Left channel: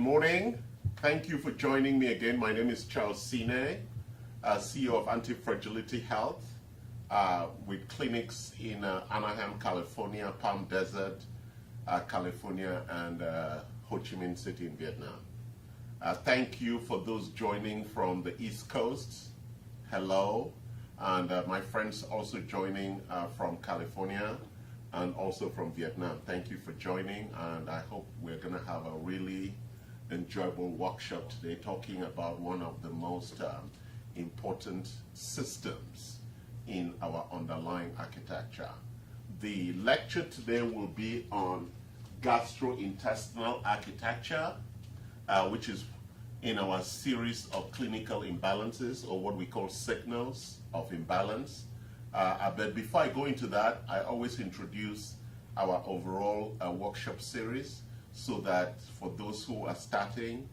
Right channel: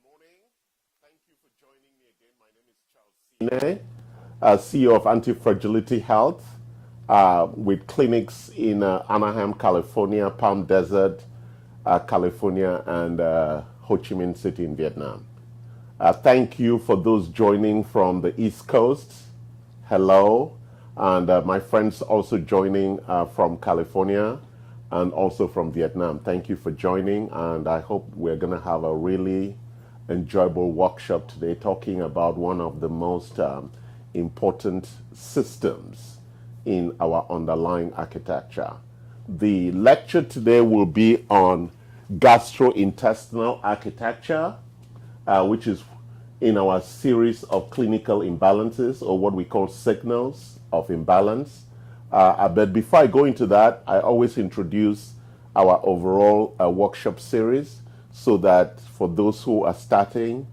morning. Thank you for joining me again. My name is Charles Sine, CEO of Anti-Fragility Health, with clinics in Anaheim, California, Palm Desert, California, and Ho Chi Minh City in Vietnam. Thank you for those joining from the East Coast. Hello. And my friends also joining from California and also from Vietnam. Thank you for joining, and I hope we're going to have a really enjoyable workshop today talking about one of the most important systems in our underlying architecture. The lecture today will be on gastrointestinal architecture, which is in our series of clinical imbalances, or what we call signals of imbalance. But before I go into that, I always introduce our overall workshop series so that for those who are starting,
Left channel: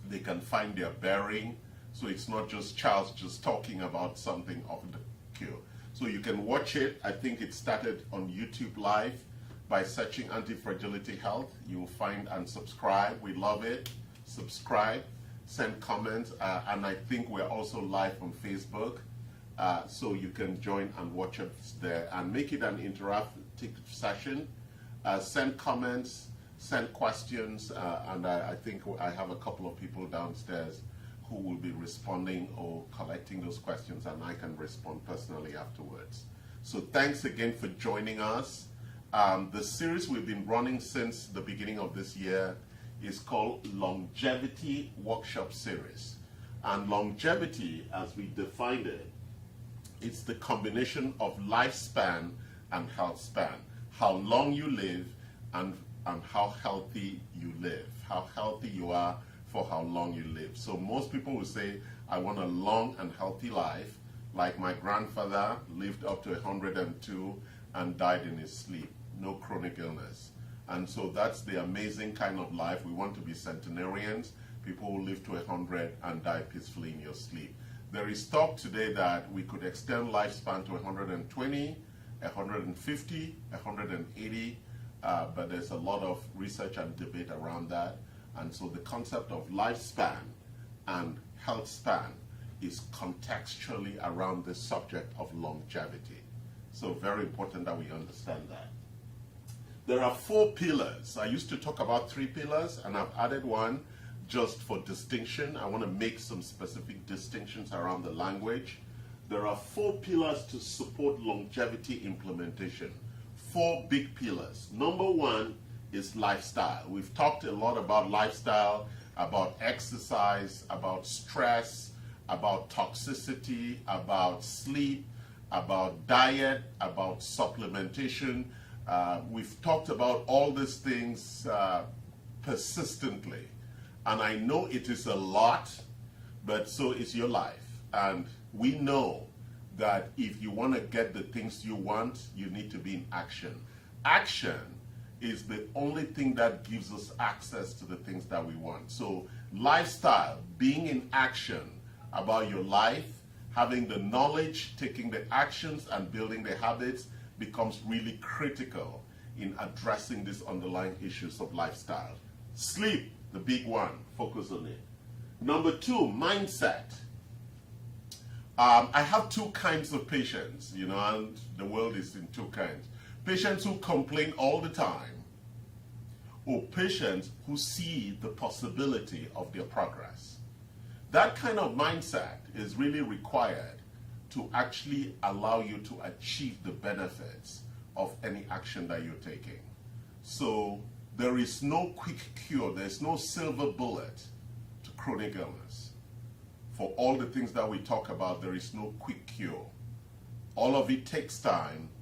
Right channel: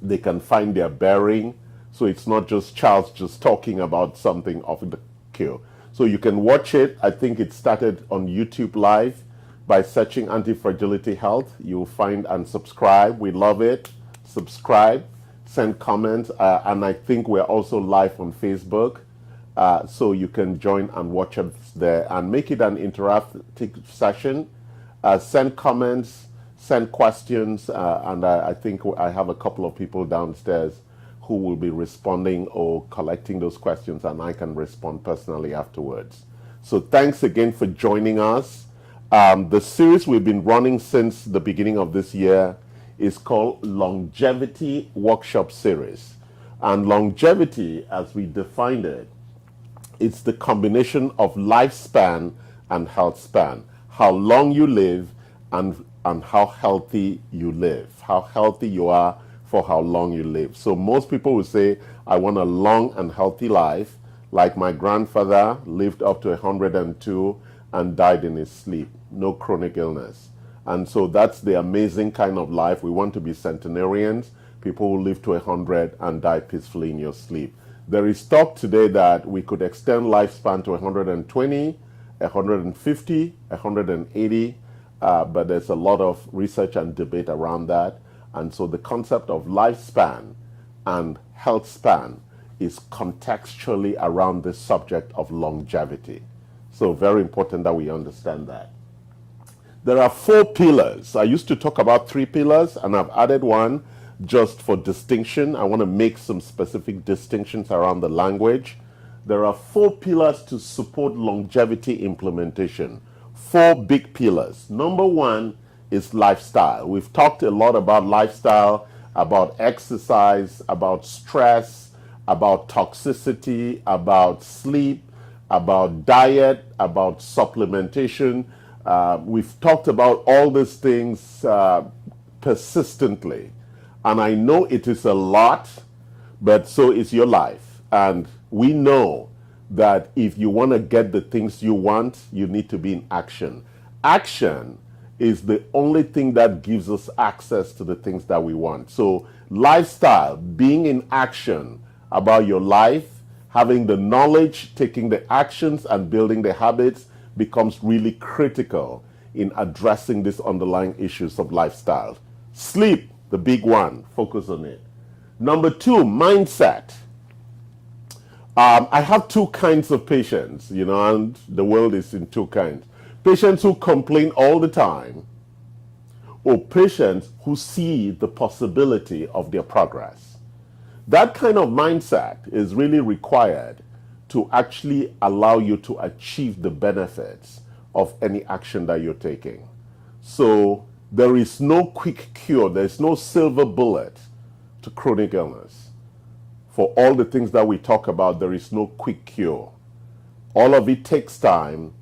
they can find their bearing. So it's not just Charles just talking about something of the cure. So you can watch it. I think it started on YouTube Live by searching Anti-Fragility Health. You'll find and subscribe. We love it. Subscribe, send comments, and I think we're also live on Facebook. So you can join and watch us there and make it an interactive session. Send comments, send questions, and I think I have a couple of people downstairs who will be responding or collecting those questions, and I can respond personally afterwards. So thanks again for joining us. The series we've been running since the beginning of this year is called Longevity Workshop Series. And longevity, as we defined it, it's the combination of lifespan and health span. How long you live and how healthy you live. How healthy you are for how long you live. So most people will say, I want a long and healthy life, like my grandfather lived up to 102 and died in his sleep. No chronic illness. And so that's the amazing kind of life. We want to be centenarians, people who live to 100 and die peacefully in your sleep. There is talk today that we could extend lifespan to 120, 150, 180, but there's a lot of research and debate around that. And so the concept of lifespan and health span is contextually around the subject of longevity. So very important that we understand that. There are 4 pillars. I used to talk about 3 pillars, and I've added one just for distinction. I want to make some specific distinctions around the language. There are 4 pillars to support longevity implementation. 4 big pillars. Number 1 is lifestyle. We've talked a lot about lifestyle, about exercise, about stress, about toxicity, about sleep, about diet, about supplementation. We've talked about all these things persistently. And I know it is a lot, but so is your life. And we know that if you want to get the things you want, you need to be in action. Action is the only thing that gives us access to the things that we want. So lifestyle, being in action about your life, having the knowledge, taking the actions, and building the habits becomes really critical in addressing these underlying issues of lifestyle. Sleep, the big one, focus on it. Number 2, mindset. I have 2 kinds of patients, and the world is in 2 kinds. Patients who complain all the time, or patients who see the possibility of their progress. That kind of mindset is really required to actually allow you to achieve the benefits of any action that you're taking. So there is no quick cure. There's no silver bullet to chronic illness. For all the things that we talk about, there is no quick cure. All of it takes time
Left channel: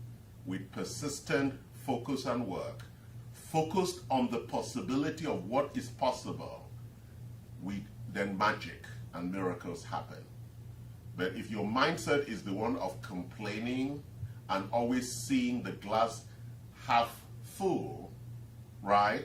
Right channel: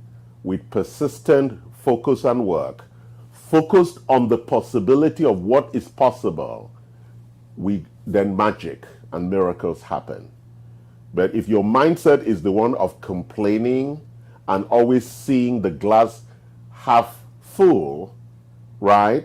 with persistent focus and work. Focused on the possibility of what is possible, then magic and miracles happen. But if your mindset is the one of complaining and always seeing the glass half full, right?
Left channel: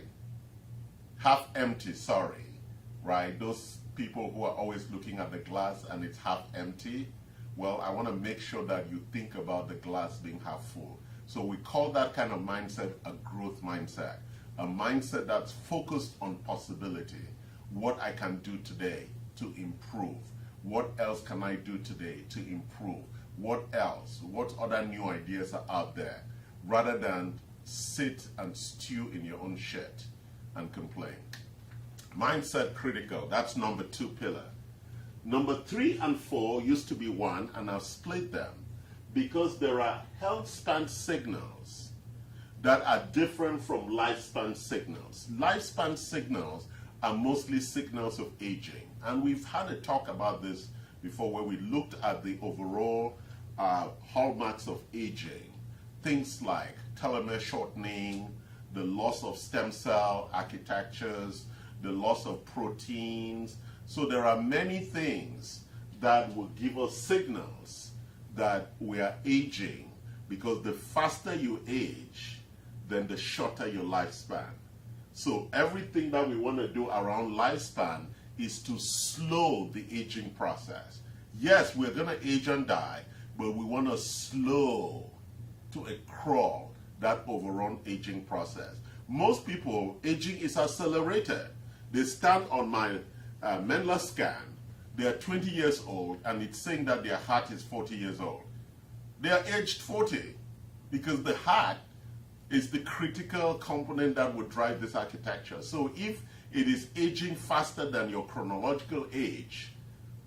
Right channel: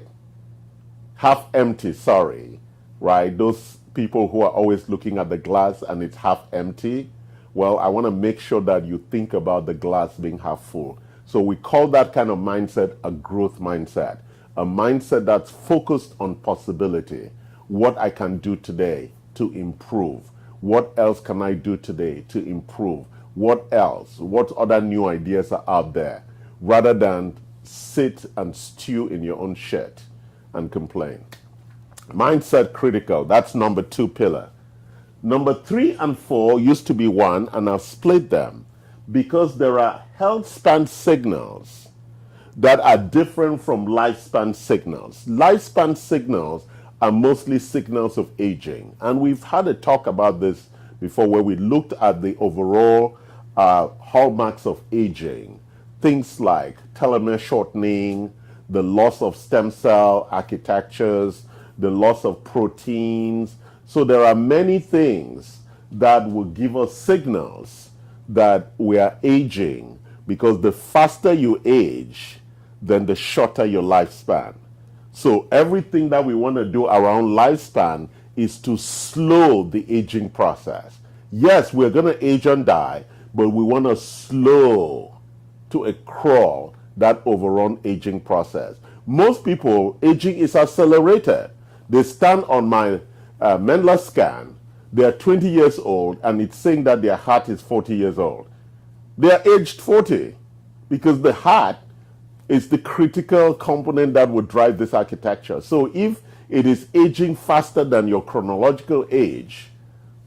Half empty, sorry, right? Those people who are always looking at the glass and it's half empty, well, I want to make sure that you think about the glass being half full. So we call that kind of mindset a growth mindset. a mindset that's focused on possibility. What I can do today to improve. What else can I do today to improve? What else? What other new ideas are out there? Rather than sit and stew in your own shit and complain. Mindset critical, that's number 2 pillar. Number 3 and 4 used to be one, and I've split them because there are health span signals that are different from lifespan signals. Lifespan signals are mostly signals of aging, and we've had a talk about this before where we looked at the overall hallmarks of aging. Things like telomere shortening, the loss of stem cell architectures, the loss of proteins. So there are many things that will give us signals that we are aging, because the faster you age, then the shorter your lifespan. So everything that we want to do around lifespan is to slow the aging process. Yes, we're going to age and die, but we want to slow to a crawl that overrun aging process. Most people, aging is accelerated. They stand on my Mendler scan, they're 20 years old, and it's saying that their heart is 40 years old. They are aged 40 because the heart is the critical component that would drive this architecture. So if it is aging faster than your chronological age,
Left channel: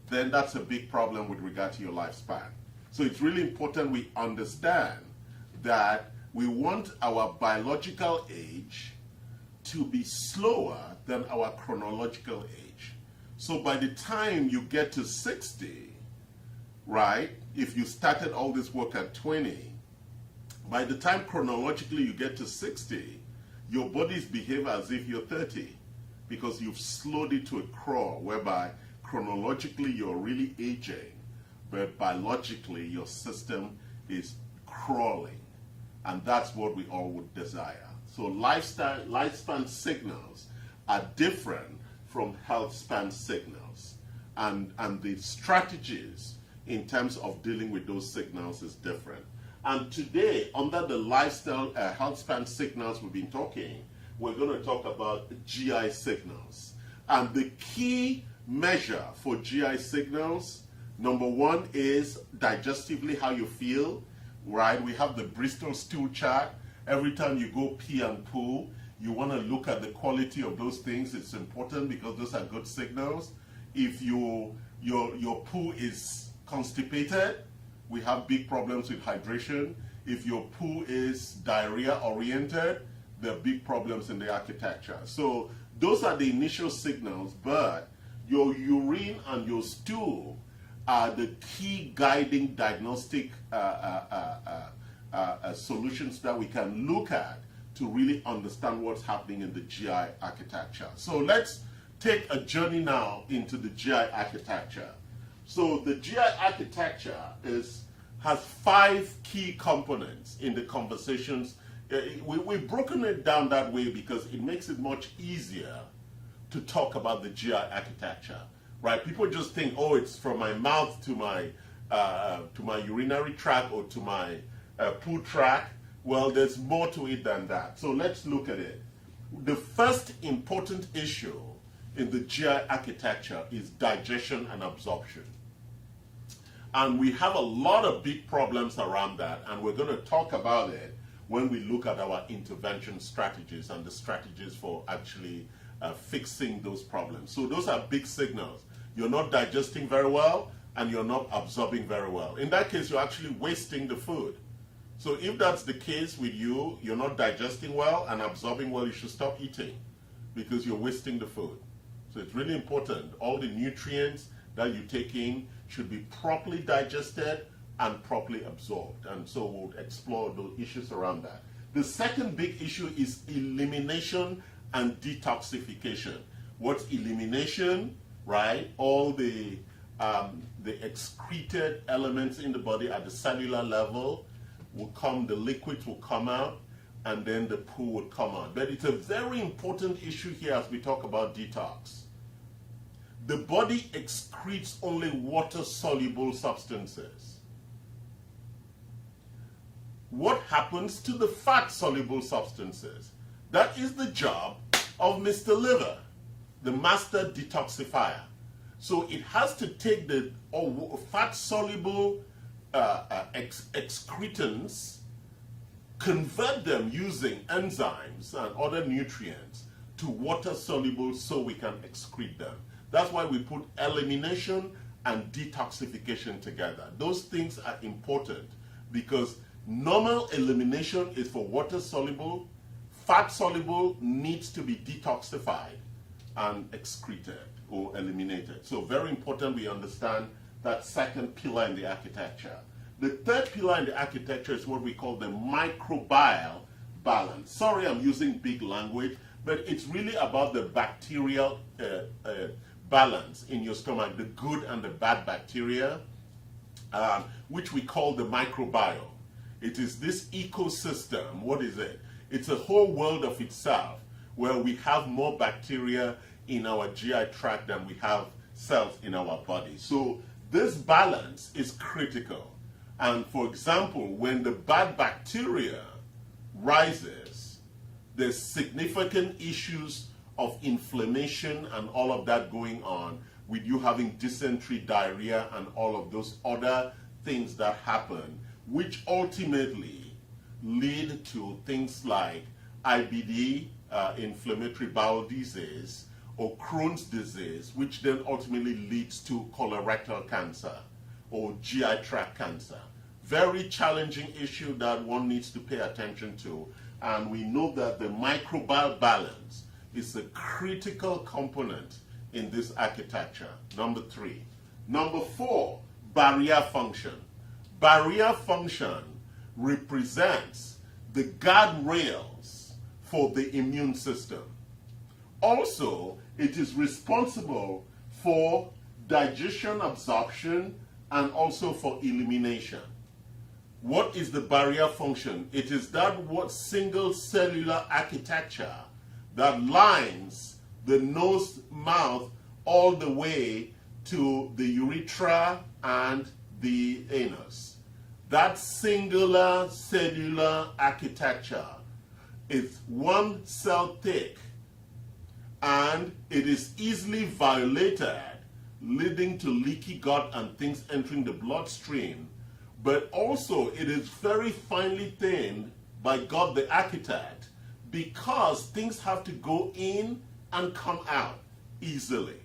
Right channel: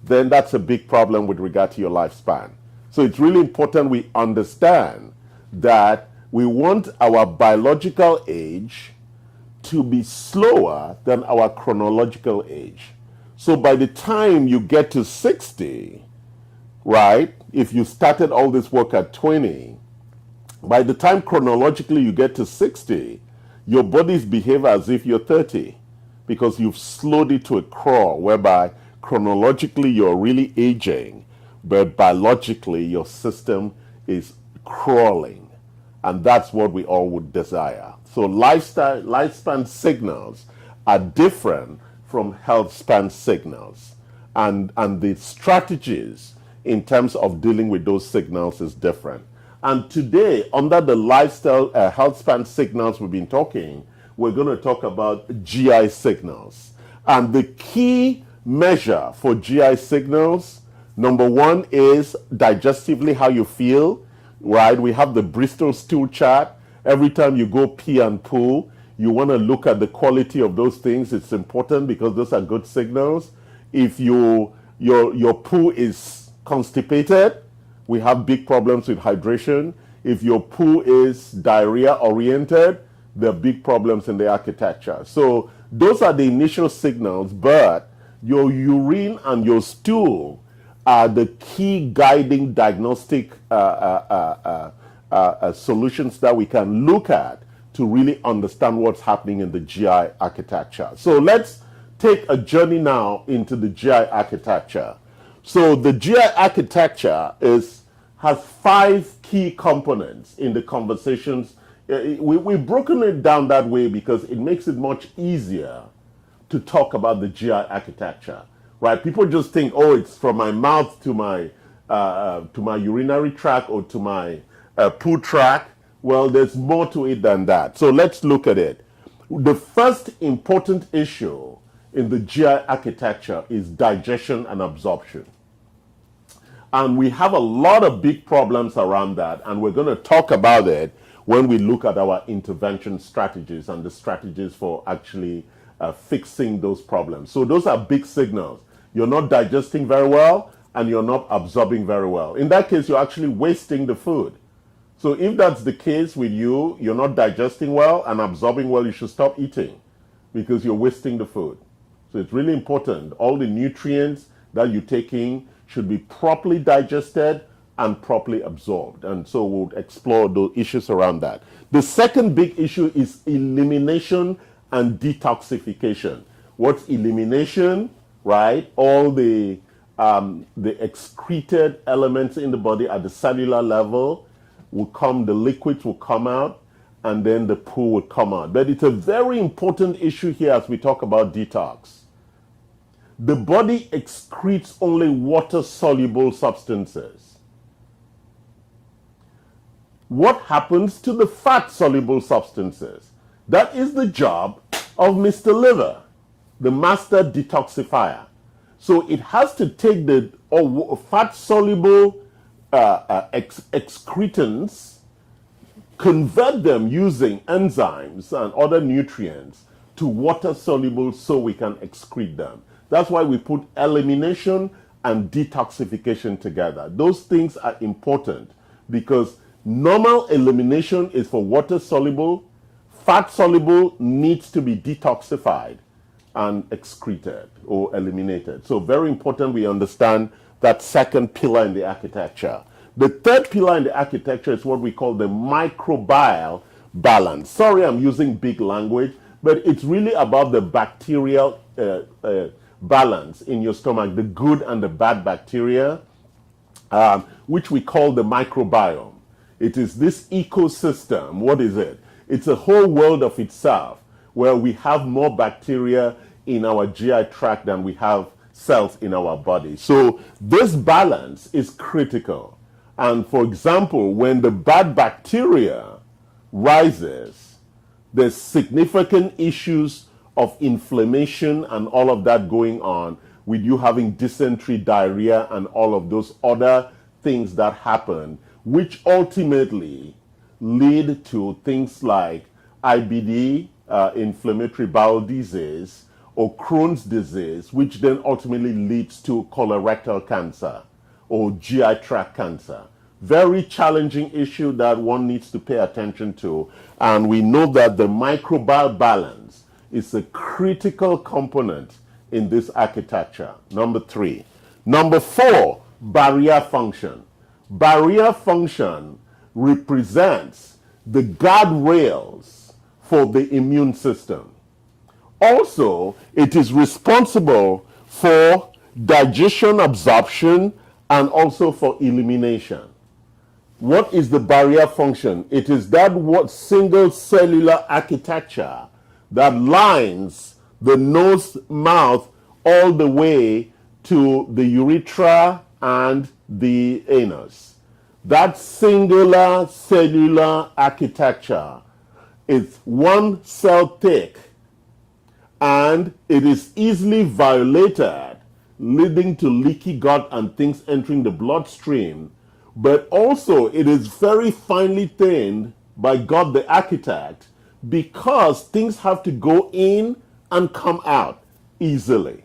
then that's a big problem with regard to your lifespan. So it's really important we understand that we want our biological age to be slower than our chronological age. So by the time you get to 60, right, if you started all this work at 20, by the time chronologically you get to 60, your bodies behave as if you're 30 because you've slowed it to a crawl whereby chronologically you're really aging, but biologically your system is crawling. And that's what we all would desire. So lifespan signals are different from health span signals. And the strategies in terms of dealing with those signals is different. And today, under the lifestyle health span signals we've been talking, we're going to talk about GI signals. And the key measure for GI signals, number 1 is digestively how you feel, right? We have the Bristol stool chart. Every time you go pee and poo, you want to look at the quality of those things. It's important because those are good signals. If your poo is constipated, we have big problems with hydration. If your poo is diarrhea oriented, there are big problems in the architecture. So those are the initial signals, but your urine and your stool are the key guiding diagnostic solutions that we can look at to really understand what's happening in the GI architecture. So let's take a journey now into the GI architecture. So the GI architecture has 5 key components in the conversations. We've broken it down that way because it makes it much easier to talk about the GI architecture, right? People just think, oh, it's from my mouth to my urinary tract or to my poo tract. Well, there's more to it than that. So let's look at it. The first important issue in the GI architecture is digestion and absorption. And we have a lot of big problems around that, and we're going to talk about it when we look at our intervention strategies and the strategies for actually fixing those problems. So those are big signals. You're not digesting very well, and you're not absorbing very well. In that case, you're actually wasting the food. So if that's the case with you, you're not digesting well and absorbing well, you should stop eating because you're wasting the food. So it's really important. All the nutrients that you take in should be properly digested and properly absorbed. And so we'll explore the issues around that. The second big issue is elimination and detoxification. What's elimination, right? All the excreted elements in the body at the cellular level will come, the liquids will come out, and then the poo will come out. But it's a very important issue here as we talk about detox. The body excretes only water-soluble substances. What happens to the fat-soluble substances? That is the job of Mr. Liver, the master detoxifier. So it has to take the fat-soluble excretins, convert them using enzymes and other nutrients to water-soluble so we can excrete them. That's why we put elimination and detoxification together. Those things are important because normal elimination is for water-soluble, fat-soluble needs to be detoxified and excreted or eliminated. So very important we understand that second pillar in the architecture. The third pillar in the architecture is what we call the microbial balance. Sorry I'm using big language, but it's really about the bacterial balance in your stomach, the good and the bad bacteria, which we call the microbiome. It is this ecosystem. What is it? It's a whole world of itself where we have more bacteria in our GI tract than we have cells in our body. So this balance is critical. And for example, when the bad bacteria rises, there's significant issues of inflammation and all of that going on with you having dysentery, diarrhea, and all of those other things that happen, which ultimately lead to things like IBD, inflammatory bowel disease, or Crohn's disease, which then ultimately leads to colorectal cancer or GI tract cancer. Very challenging issue that one needs to pay attention to. And we know that the microbial balance is a critical component in this architecture. Number 3. Number 4, barrier function. Barrier function represents the guardrails for the immune system. Also, it is responsible for digestion, absorption, and also for elimination. What is the barrier function? It is that single cellular architecture that lines the nose, mouth, all the way to the urethra and the anus. That singular cellular architecture is one cell thick, and it is easily violated, leading to leaky gut and things entering the bloodstream. But also it is very finely thinned by God the architect, because things have to go in and come out easily,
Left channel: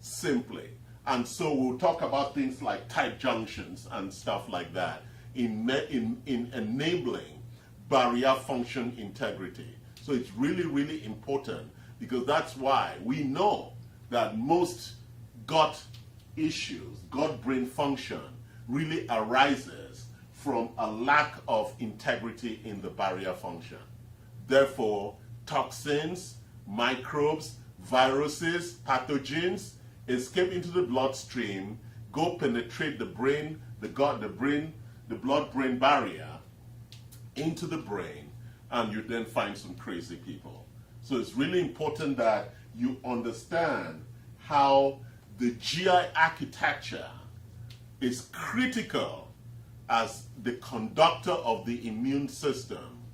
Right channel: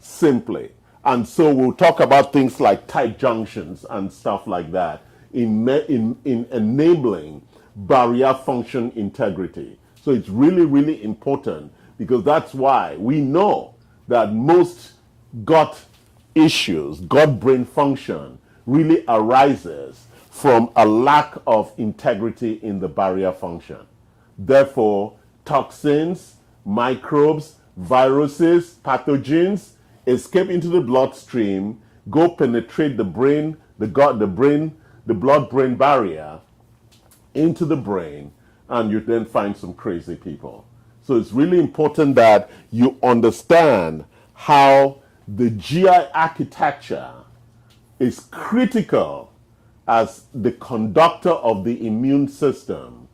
simply. And so we'll talk about things like tight junctions and stuff like that in enabling barrier function integrity. So it's really, really important, because that's why we know that most gut issues, gut-brain function, really arises from a lack of integrity in the barrier function. Therefore, toxins, microbes, viruses, pathogens escape into the bloodstream, go penetrate the brain, the blood-brain barrier into the brain, and you then find some crazy people. So it's really important that you understand how the GI architecture is critical as the conductor of the immune system,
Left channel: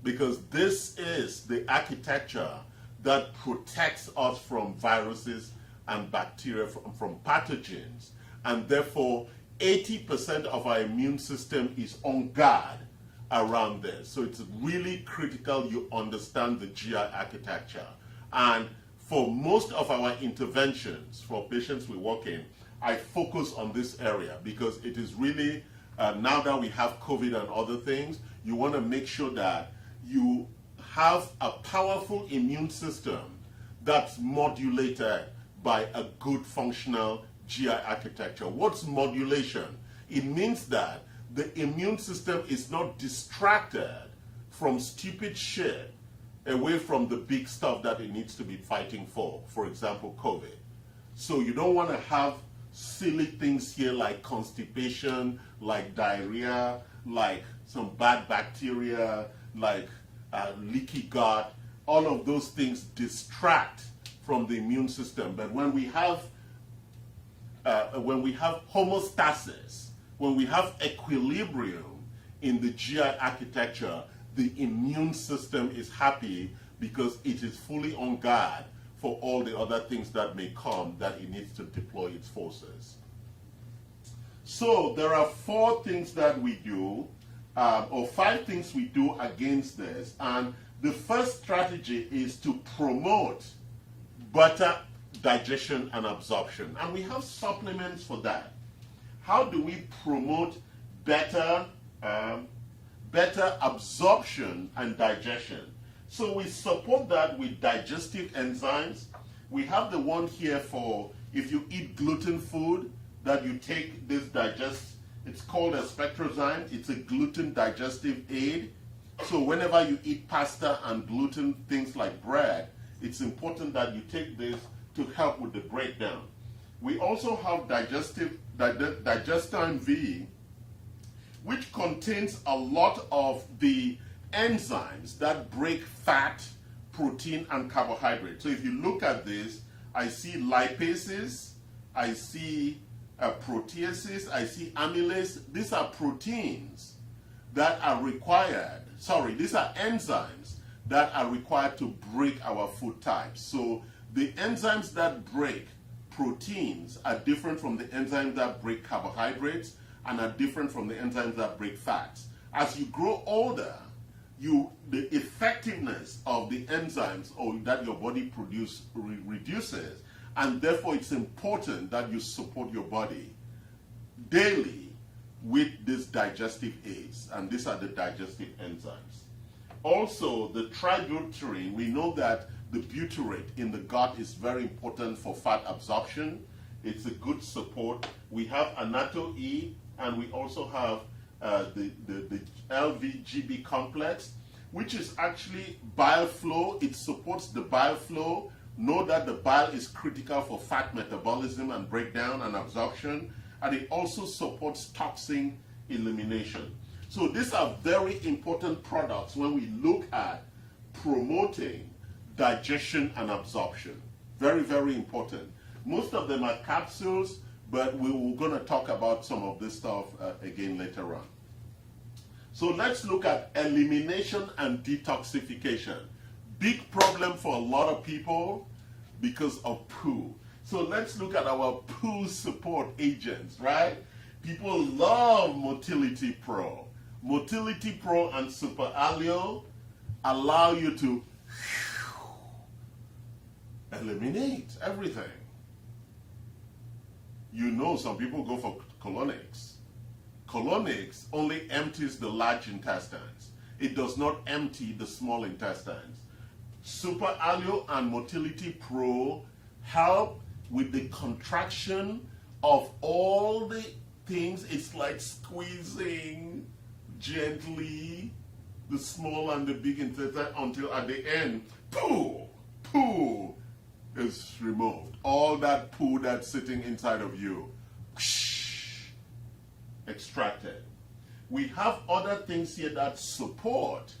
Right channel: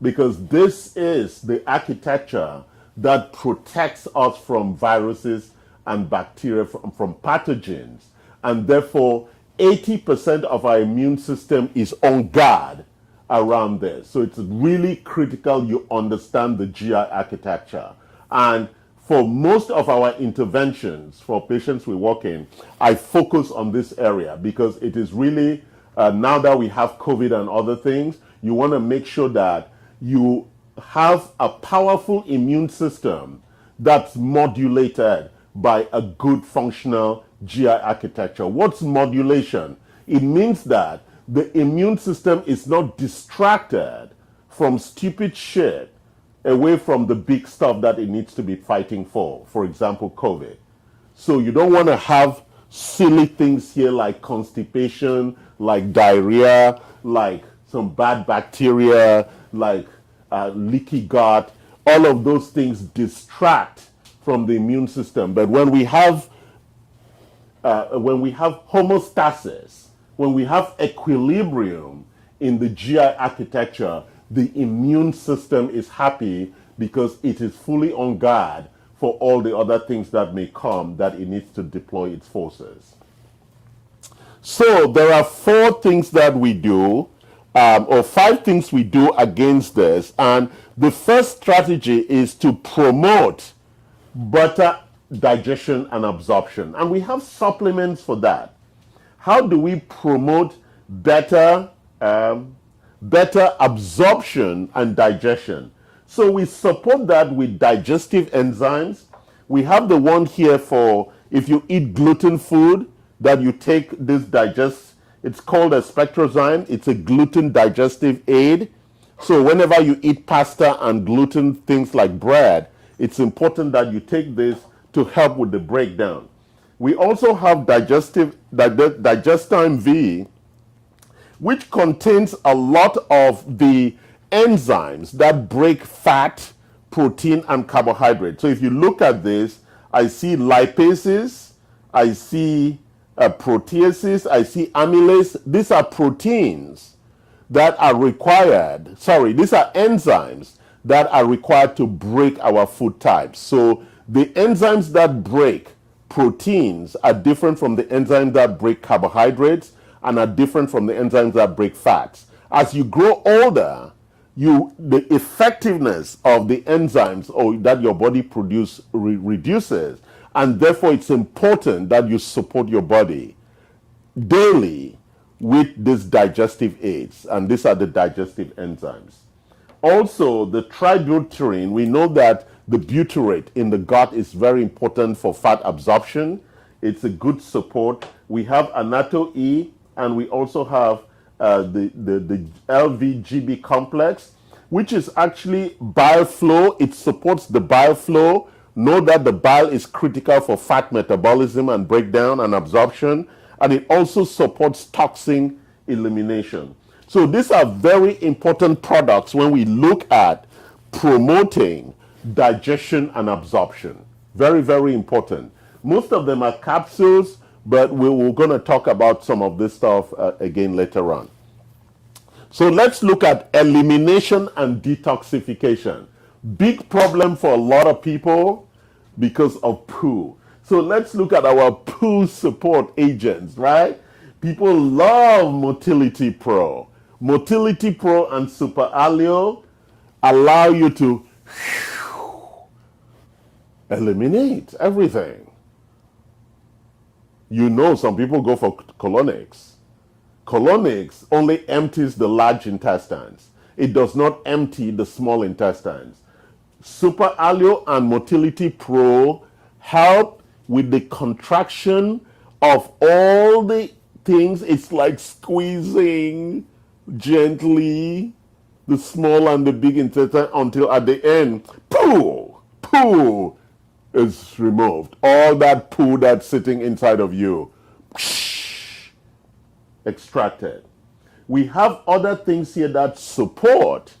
because this is the architecture that protects us from viruses and bacteria, from pathogens, and therefore 80% of our immune system is on guard around this. So it's really critical you understand the GI architecture. And for most of our interventions for patients we work in, I focus on this area because it is really, now that we have COVID and other things, you want to make sure that you have a powerful immune system that's modulated by a good functional GI architecture. What's modulation? It means that the immune system is not distracted from stupid shit away from the big stuff that it needs to be fighting for example, COVID. So you don't want to have silly things here like constipation, like diarrhea, like some bad bacteria, like leaky gut. All of those things distract from the immune system. But when we have homeostasis, when we have equilibrium in the GI architecture, the immune system is happy because it is fully on guard for all the other things that may come that it needs to deploy its forces. So there are 4 things that we do, or 5 things we do against this. And the first strategy is to promote better digestion and absorption. And we have supplements for that. How do we promote better absorption and digestion? So we support that with digestive enzymes. We have the one here for if you eat gluten food, that you take this it's called a spectrozyme. It's a gluten digestive aid. So whenever you eat pasta and gluten things like bread, it's important that you take this to help with the breakdown. We also have Digestime V, which contains a lot of the enzymes that break fat, protein, and carbohydrate. So if you look at this, I see lipases, I see proteases, I see amylase. These are proteins that are required, these are enzymes that are required to break our food types. So the enzymes that break proteins are different from the enzymes that break carbohydrates and are different from the enzymes that break fats. As you grow older, the effectiveness of the enzymes that your body produces reduces, and therefore it's important that you support your body daily with these digestive aids, and these are the digestive enzymes. Also, the tributyrate, we know that the butyrate in the gut is very important for fat absorption. It's a good support. We have Anato-E, and we also have the LVGB complex, which is actually bile flow. It supports the bile flow. Know that the bile is critical for fat metabolism and breakdown and absorption, and it also supports toxin elimination. So these are very important products when we look at promoting digestion and absorption. Very, very important. Most of them are capsules, but we're going to talk about some of this stuff again later on. So let's look at elimination and detoxification. Big problem for a lot of people because of poo. So let's look at our poo support agents, right? People love Motility Pro. Motility Pro and Super Alio allow you to eliminate everything. You know, some people go for colonics. Colonics only empties the large intestines. It does not empty the small intestines. Super Alio and Motility Pro help with the contraction of all the things. It's like squeezing gently the small and the big intestine until at the end, poo is removed. All that poo that's sitting inside of you, extracted. We have other things here that support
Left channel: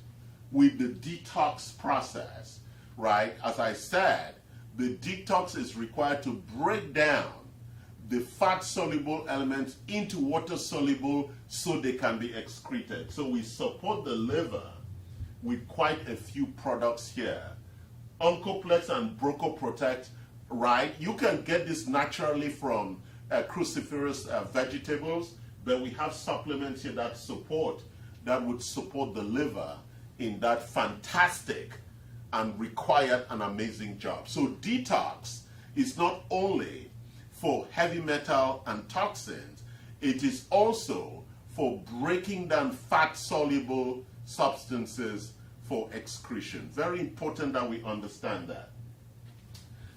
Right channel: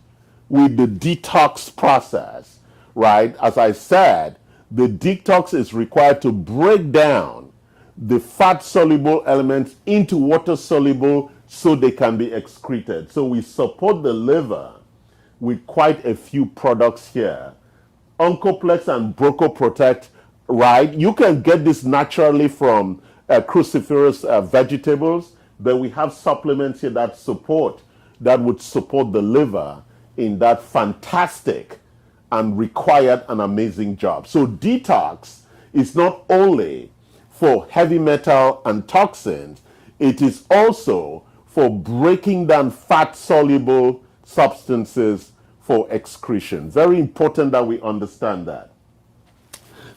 with the detox process, right? As I said, the detox is required to break down the fat-soluble elements into water-soluble so they can be excreted. So we support the liver with quite a few products here. Oncoplex and Broco-Protect, right? You can get this naturally from cruciferous vegetables, but we have supplements here that would support the liver in that fantastic and required an amazing job. So detox is not only for heavy metal and toxins, it is also for breaking down fat-soluble substances for excretion. Very important that we understand that.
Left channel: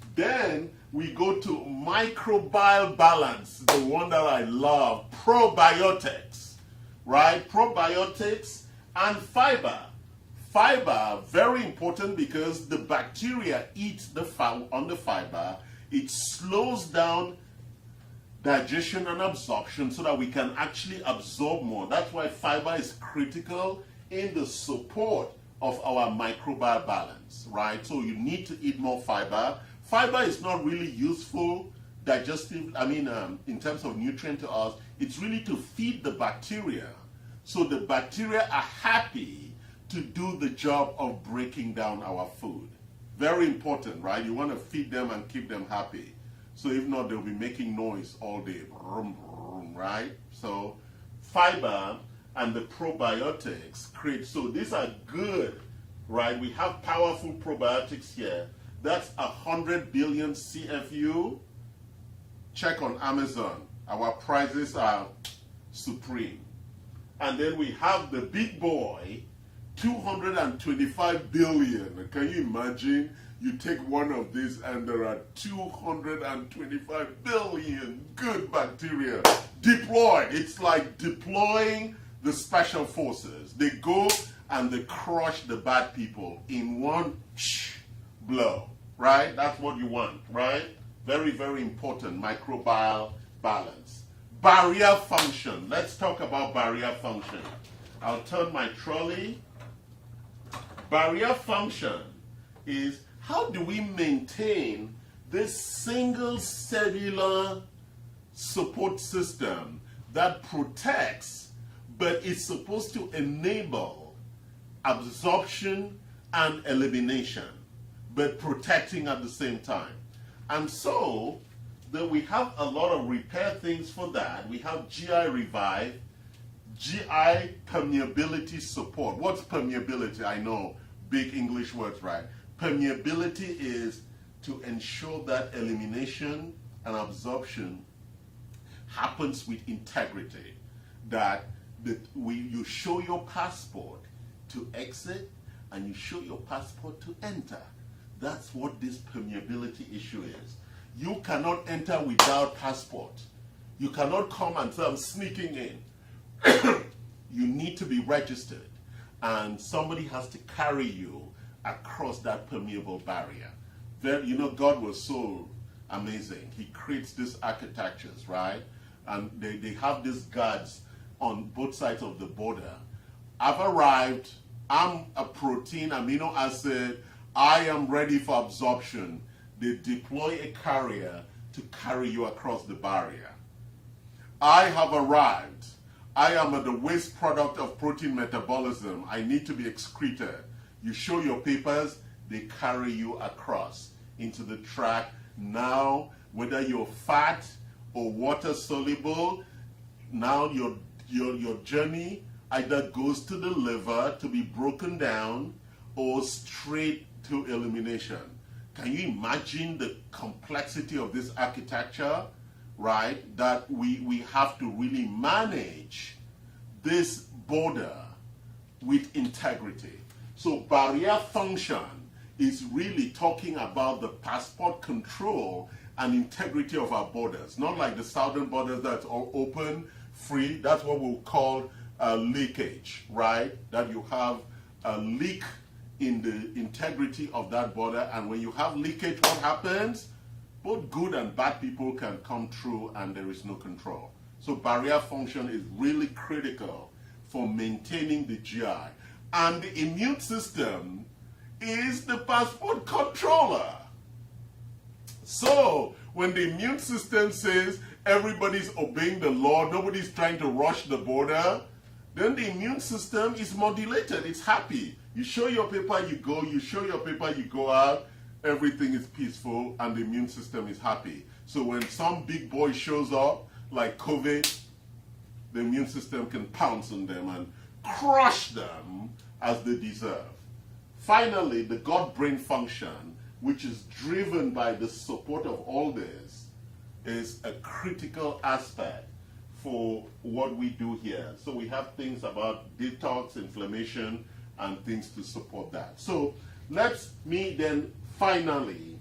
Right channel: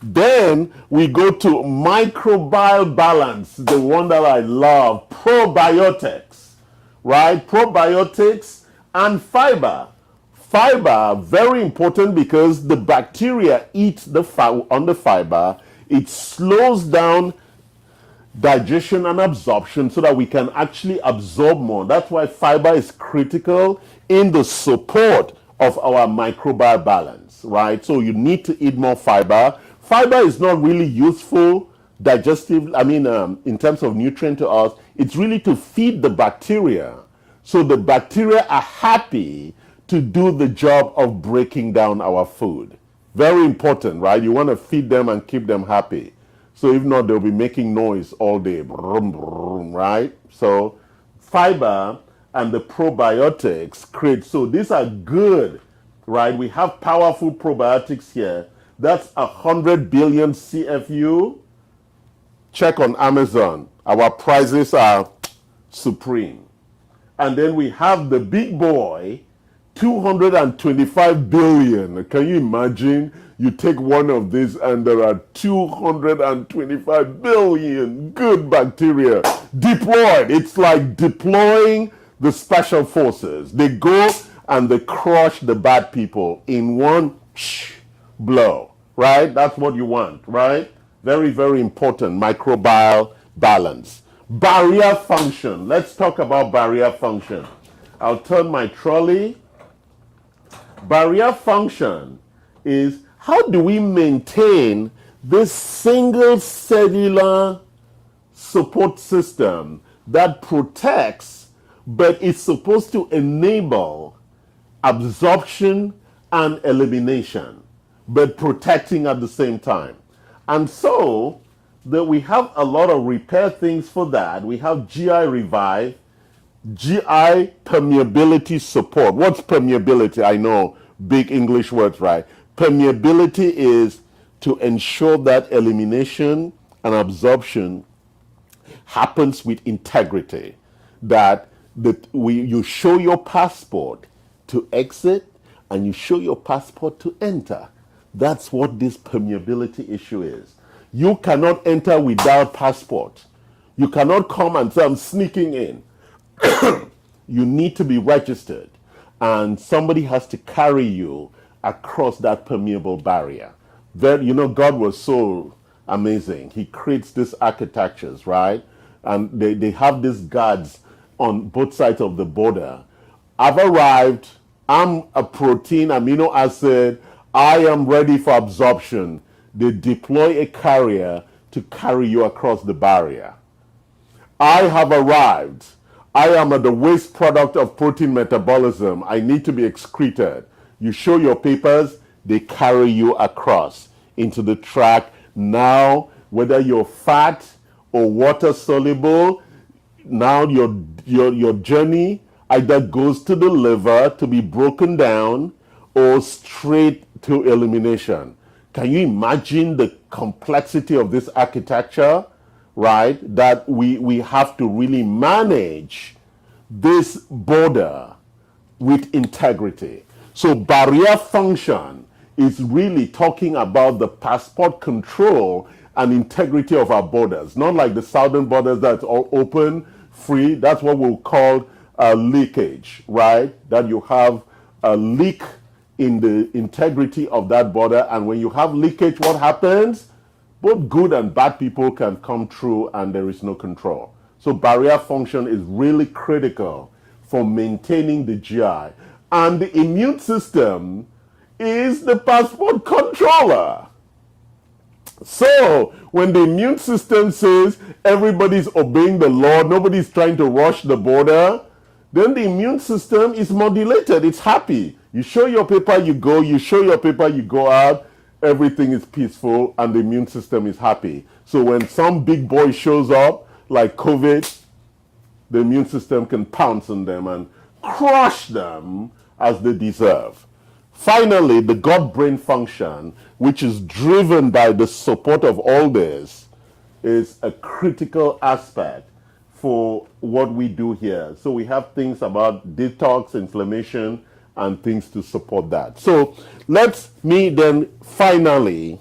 Then we go to microbial balance, the one that I love, probiotics, right? Probiotics and fiber. Fiber, very important because the bacteria eat on the fiber. It slows down digestion and absorption so that we can actually absorb more. That's why fiber is critical in the support of our microbial balance, right? So you need to eat more fiber. Fiber is not really useful in terms of nutrient to us. It's really to feed the bacteria. So the bacteria are happy to do the job of breaking down our food. Very important, right? You want to feed them and keep them happy. So if not, they'll be making noise all day, brum, brum, right? So fiber and the probiotics create, so these are good, right? We have powerful probiotics here. That's 100 billion CFU. Check on Amazon. Our prices are supreme. And then we have the big boy, 225 billion. Can you imagine? You take one of these and there are 225 billion good bacteria deployed. It's like deploying the special forces. They go and they crush the bad people in one blow, right? That's what you want, right? Very, very important, microbial balance. Barrier function. Let's talk about barrier function. I'll turn my trolley. Barrier function is how do we maintain this single cellular support system that protects, but is supposed to enable absorption and elimination, but protecting at the same time. And so that we have a lot of repair things for that. We have GI Revive, GI permeability support. What's permeability? I know, big English words, right? Permeability is to ensure that elimination and absorption happens with integrity. That you show your passport to exit and you show your passport to enter. That's what this permeability issue is. You cannot enter without passport. You cannot come and say, I'm sneaking in. You need to be registered, and somebody has to carry you across that permeable barrier. God was so amazing. He creates these architectures, right? And they have these guards on both sides of the border. I've arrived. I'm a protein amino acid. I am ready for absorption. They deploy a carrier to carry you across the barrier. I have arrived. I am the waste product of protein metabolism. I need to be excreted. You show your papers, they carry you across into the track. Now, whether you're fat or water soluble, now your journey either goes to the liver to be broken down or straight to elimination. Can you imagine the complexity of this architecture, right? That we have to really manage this border with integrity. So barrier function is really talking about the passport control and integrity of our borders. Not like the southern borders that's all open, free. That's what we'll call leakage, right? That you have a leak in the integrity of that border, and when you have leakage, what happens? Both good and bad people can come through and there is no control. So barrier function is really critical for maintaining the GI. And the immune system is the passport controller. So when the immune system says everybody's obeying the law, nobody's trying to rush the border, then the immune system is modulated, it's happy. You show your paper, you go. You show your paper, you go out. Everything is peaceful, and the immune system is happy. So when some big boy shows up, like COVID, the immune system can pounce on them and crush them as they deserve. Finally, the gut-brain function, which is driven by the support of all this, is a critical aspect for what we do here. So we have things about detox, inflammation, and things to support that. So let me then finally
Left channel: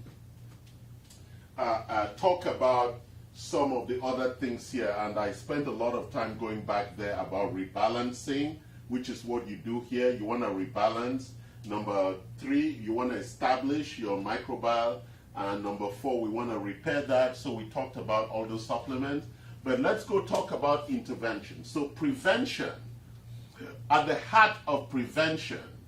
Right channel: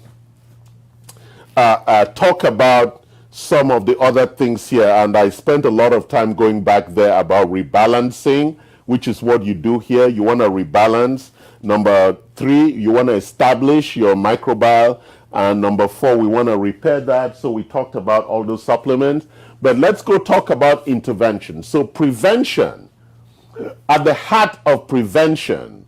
talk about some of the other things here. And I spent a lot of time going back there about rebalancing, which is what you do here. You want to rebalance. Number 3, you want to establish your microbiome. And number 4, we want to repair that. So we talked about all those supplements. But let's go talk about intervention. So prevention. At the heart of prevention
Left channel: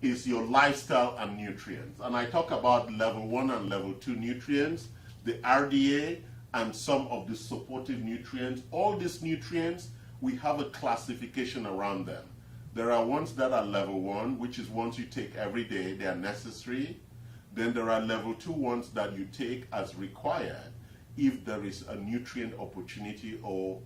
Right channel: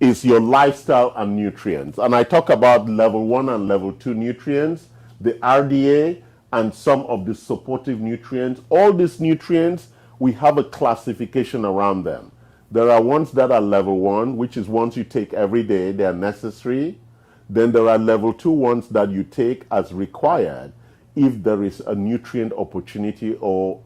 is your lifestyle and nutrients. And I talk about level 1 and level 2 nutrients, the RDA, and some of the supportive nutrients. All these nutrients, we have a classification around them. There are ones that are level 1, which is ones you take every day, they are necessary. Then there are level 2 ones that you take as required if there is a nutrient opportunity or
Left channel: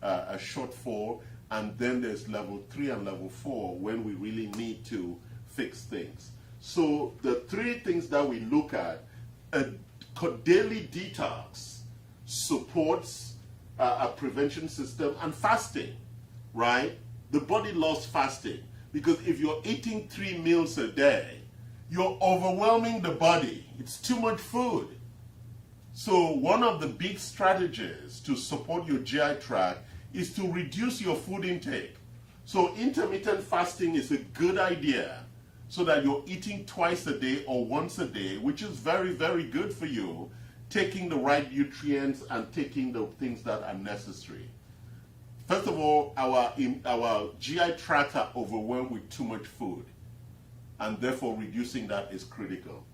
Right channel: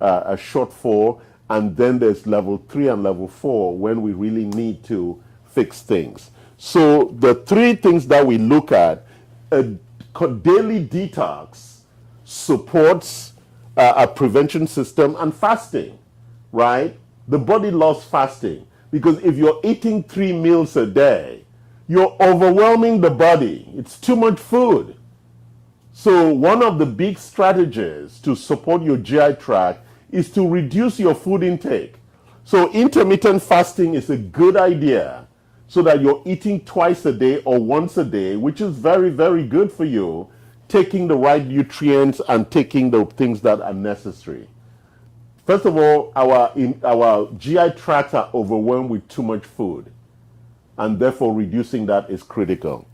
a shortfall. And then there's level 3 and level 4 when we really need to fix things. So the 3 things that we look at, a daily detox supports a prevention system and fasting, right? The body loves fasting because if you're eating 3 meals a day, you're overwhelming the body. It's too much food. So one of the big strategies to support your GI tract is to reduce your food intake. So intermittent fasting is a good idea so that you're eating twice a day or once a day, which is very, very good for you, taking the right nutrients and taking the things that are necessary. First of all, our GI tracts are overwhelmed with too much food, and therefore reducing that is critical.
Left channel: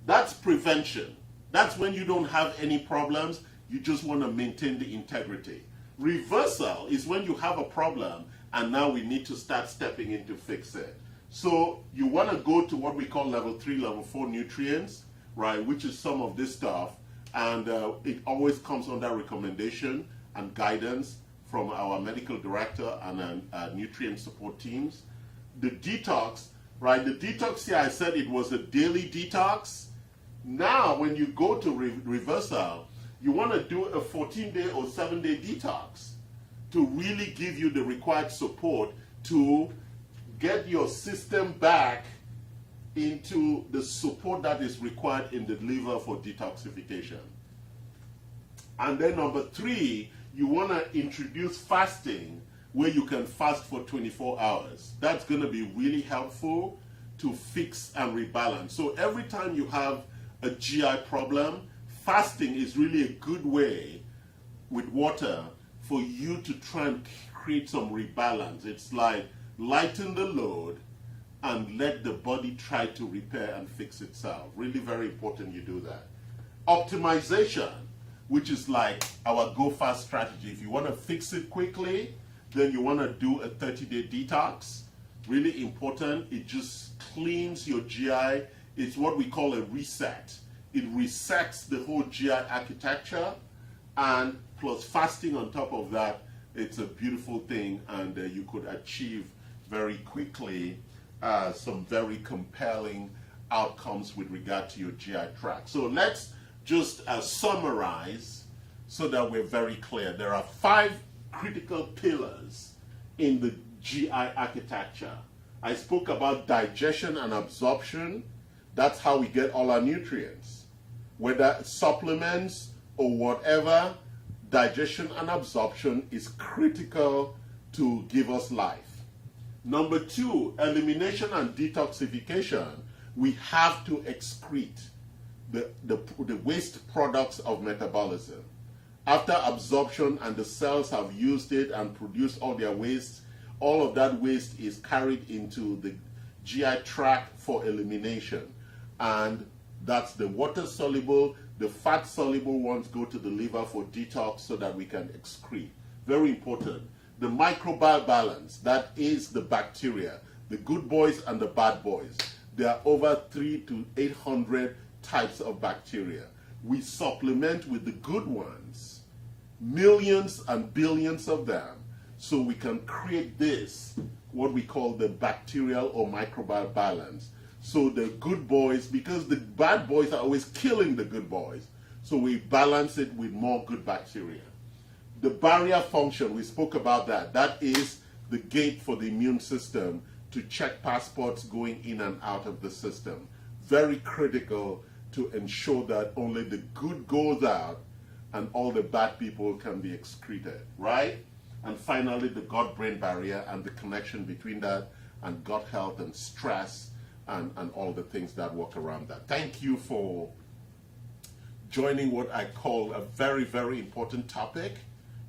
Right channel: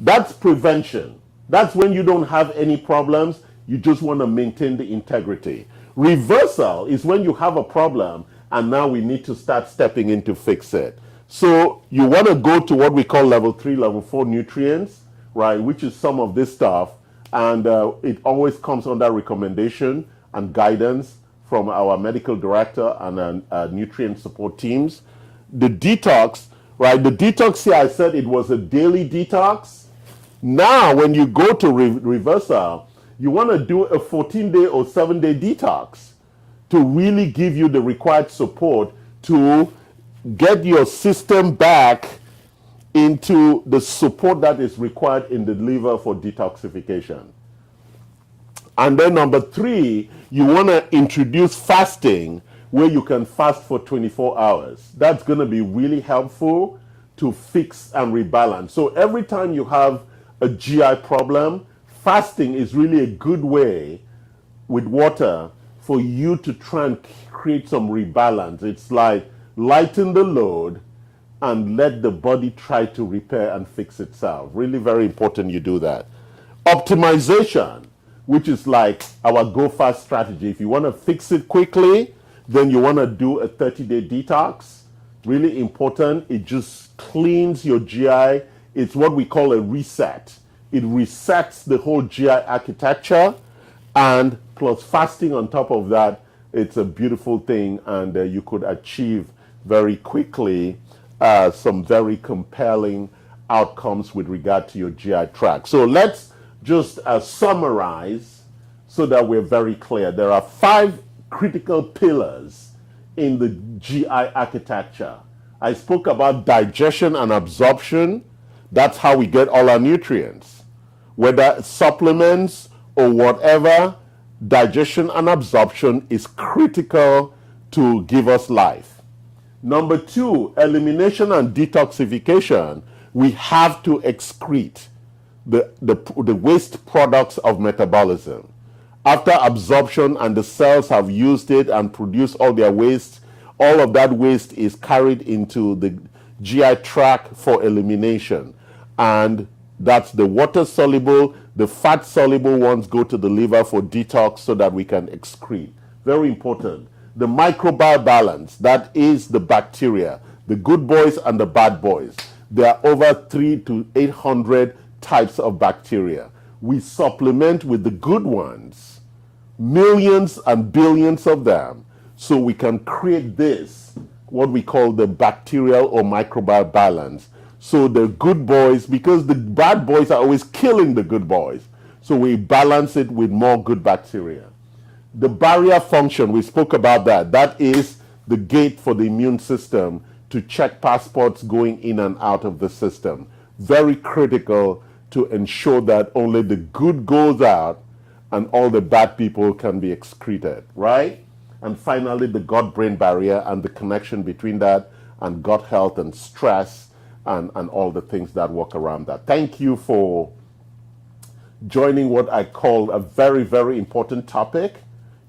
That's prevention. That's when you don't have any problems, you just want to maintain the integrity. Reversal is when you have a problem and now we need to start stepping in to fix it. So you want to go to what we call level 3, level 4 nutrients, right, which is some of this stuff, and it always comes under recommendation and guidance from our medical director and nutrient support teams. The detox, right, the detox here, I said it was a daily detox. Now when you go to reversal, you want to do a 14-day or 7-day detox to really give you the required support to get your system back into the support that is required in the liver for detoxification. And then number 3, you want to introduce fasting where you can fast for 24 hours. That's going to be really helpful to fix and rebalance. So every time you have a GI problem, fasting is really a good way with water for you to try and create some rebalance. It's like lighten the load and let the body try to repair and fix itself. Really very important you do that. Optimization, which is like our go fast strategy. If you want to fix it quickly, then you want to do a 30-day detox. Really important. It just cleans your GI. It's what we call a reset. It resets the whole GI architecture, and plus fasting on top of that, it's a beautiful thing, and you could achieve very quickly some very compelling outcomes with regard to your GI tract. So let's just summarize so that we're very clear. There are 5 critical pillars in the GI architecture. I spoke about digestion and absorption. That's how we get all our nutrients. Whether supplements or whatever, digestion and absorption is critical to give us life. Number 2, elimination and detoxification. We have to excrete the waste products of metabolism. After absorption and the cells have used it and produced all their waste, all of that waste is carried into the GI tract for elimination. And that's the water-soluble, the fat-soluble ones go to the liver for detox so that we can excrete. Very important. The microbiome balance, that is the bacteria, the good boys and the bad boys. There are over 300 to 800 types of bacteria. We supplement with the good ones, millions and billions of them, so we can create this, what we call the bacterial or microbiome balance. So the good boys, because the bad boys are always killing the good boys, so we balance it with more good bacteria. The barrier function, we spoke about that. That is the gate for the immune system to check passports going in and out of the system. Very critical to ensure that only the good goes out and all the bad people can be excreted, right? And finally, the gut-brain barrier and the connection between that and gut health and stress and all the things that work around that. Thank you for joining what I call a very, very important topic.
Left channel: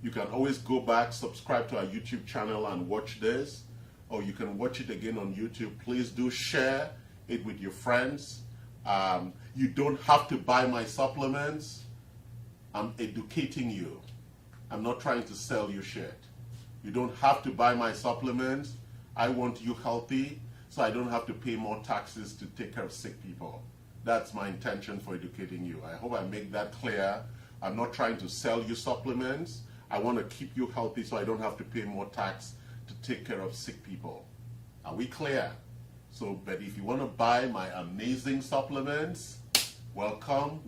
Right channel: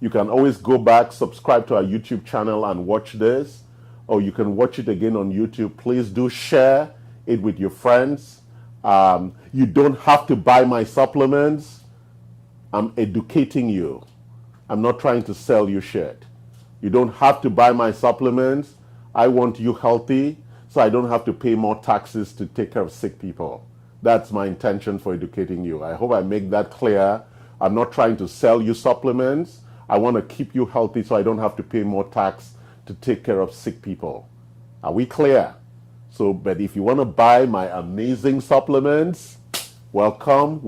You can always go back, subscribe to our YouTube channel and watch this, or you can watch it again on YouTube. Please do share it with your friends. You don't have to buy my supplements. I'm educating you. I'm not trying to sell you shit. You don't have to buy my supplements. I want you healthy so I don't have to pay more taxes to take care of sick people. That's my intention for educating you. I hope I make that clear. I'm not trying to sell you supplements. I want to keep you healthy so I don't have to pay more tax to take care of sick people. Are we clear? So, but if you want to buy my amazing supplements, welcome.